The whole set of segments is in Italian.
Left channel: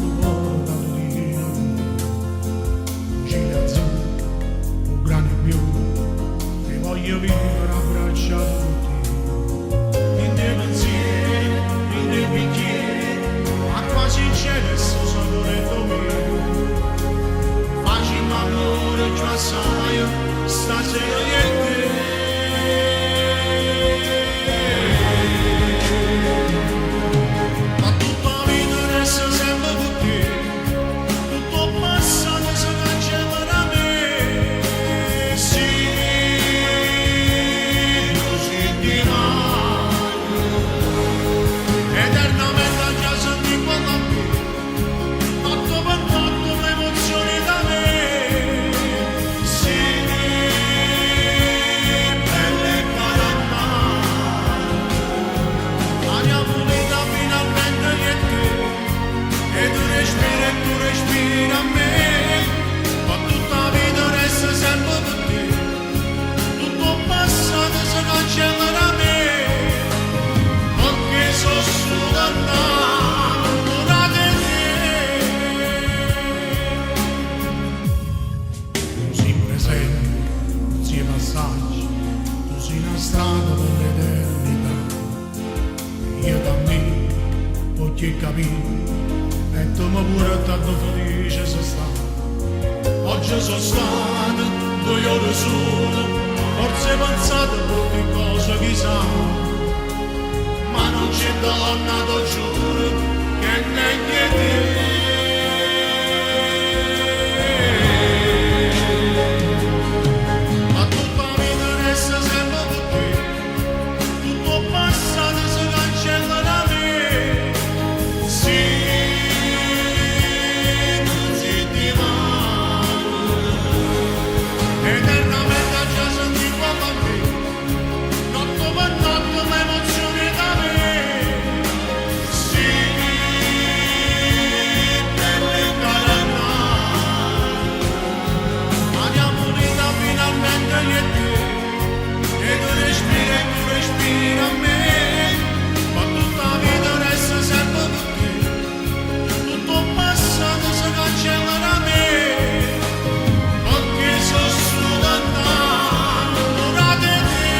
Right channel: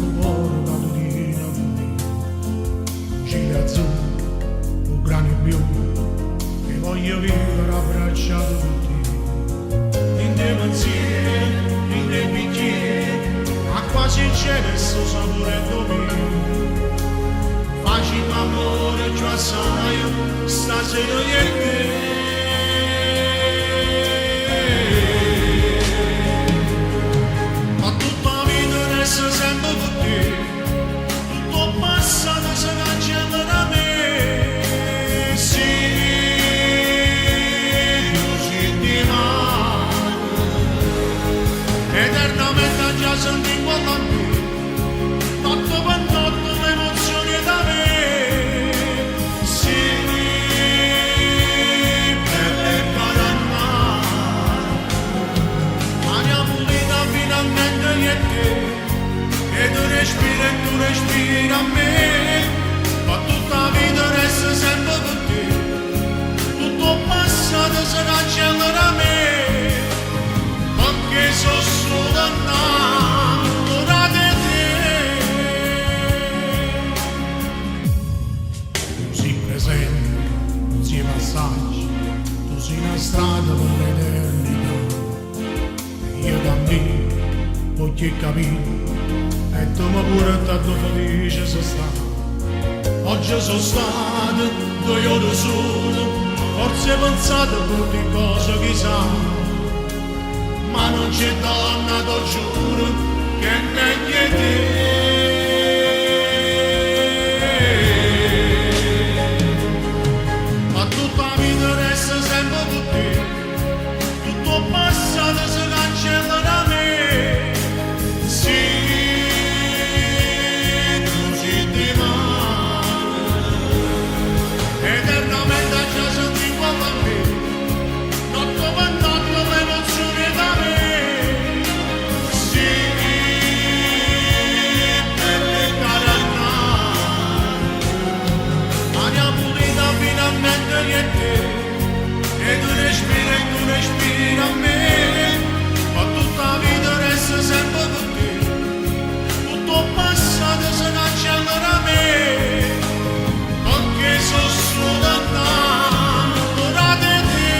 il cuore catutina con me, cieli azzurri, o grani blu, e voglio vivere abbracciato con te. In te pensieri, in te bicchieri, acqua sincera e sto sapore mio. Facciamo amore già sai, stasera io e te. Ma tutta la vita resta sempre con te, tutto passato si cancella da me. Sì, così di mano, eternamente già senti in quella a me, notte per notte l'emozione da me. Sì, belle caranna, aria pulita finalmente io e te. E tu respiri a me, ma tutta la vita resta sempre con te. Tutto passato si cancella da me, perché sono solo innamorato di te. Tu sei presente, non sei passaggio, tu sei una strada per l'eternità. E io da me voglio capire, e tu mi pure tanto felice sono stato. Oggi sono stato 2 ore solo, forse pensate a brutte cose chissà, ma non c'è donna, ti giuro, che è meglio di te. Ma tutta la vita resta sempre con te, tutto passato si cancella da me. Sì, di mano, eternamente già senti quanto a me, notte per notte l'emozione da me. Sì, belle caranna, aria pulita finalmente io e te. E tu respiri a me, ma tutta la vita resta sempre con te. Tutto passato si cancella da me, perché sono solo innamorato di te.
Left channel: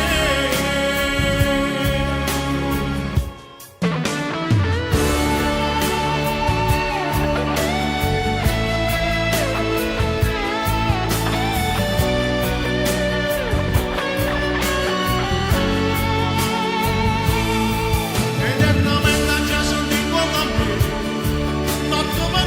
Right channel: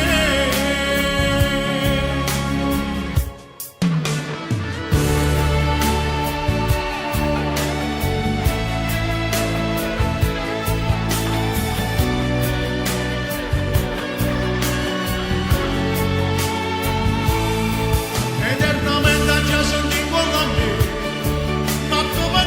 Eternamente già senti in cuore a me, notte per